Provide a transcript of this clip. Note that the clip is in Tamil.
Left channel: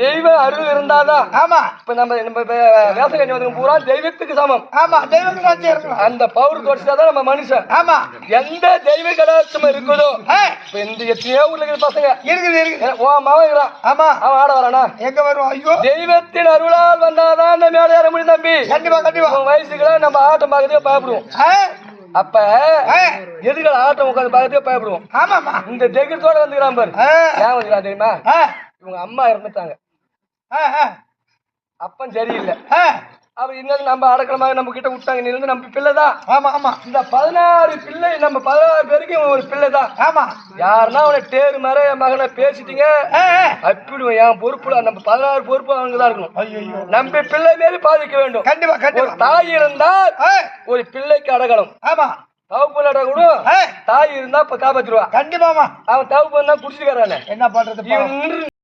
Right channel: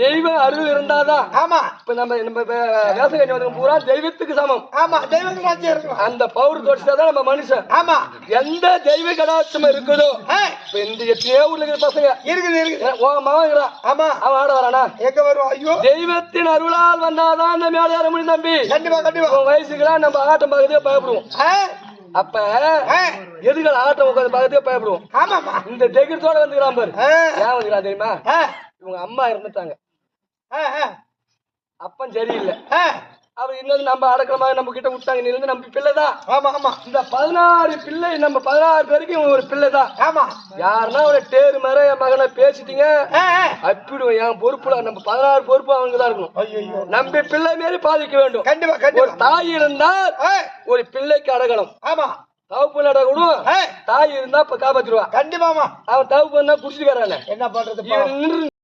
தெய்வ அருள் இருந்தாதான். ஆமா இப்ப நம்ம வேசகண்ணி வந்து பூரா தெய்வத்துக்கு சமம். ஆமா தெய்வத்துக்கு அந்த பவர் குறைச்சாதான் நம்ம மனுஷன். ஆமா எந்த தெய்வ கடாட்சம் இருக்குதோ இப்ப இந்த எத்தனையோ ஊர்ல இருக்கிற பசங்க இருக்குது ஓ மவன் இருக்கிறான். ஆமா அவன் ஆட வரானா எங்க வருவான்? ஐயோ தெய்வத்தின் அருளால் வந்தாதான் அந்த மேலே ஏற முடியும் தம்பி. கண்டிப்பா கண்டிப்பா உன் வயசுக்குலாம் நம்ம ஆட்டம் பார்க்கறதே பயப்படுவோம். அப்ப எதுகள் ஆட்டம் உட்காந்து பார்க்கறதே பயப்படுவோம். ஆமாமா இந்த தைரியத்தோட வந்துக்கிறான் பாரு. ஏன் வந்துக்கிறான் தெரியுமா? இவங்க அம்மா இறந்துட்டாங்க. அப்பன் சரியில்லை. அவர் இன்னும் நம்ம அடக்கலமாக நம்ம கிட்ட விட்டாங்க. நீ இருந்து நம்ம பிள்ளைதான். ஆமா ஆமா இந்த 16 பிள்ளை நம்ம 16 பேருக்கு இவன் ஒரு பிள்ளைதான். ஆமா யாருன்னா அவனை டேரு மாதிரி என் மகனை பேசிட்டீங்க அப்பிடுவோம். என் பொறுப்புல நம்ம 16 பொறுப்பு அவங்கதான் இருக்கணும். ஐயோ நம்ம பிள்ளை மாரி பாதிக்க வேண்டும். கண்டிப்பா ஒரு கண்டிப்பா தாய் இருந்தால் ஒரு பிள்ளைக்கு அடகலம். ஆமா தவப்பு அடகணும். தாய் இருந்தா காப்பாத்திடுவா. கண்டிப்பாமா அவன் தவப்பு புடிச்சுக்காரானே என்ன பண்றது?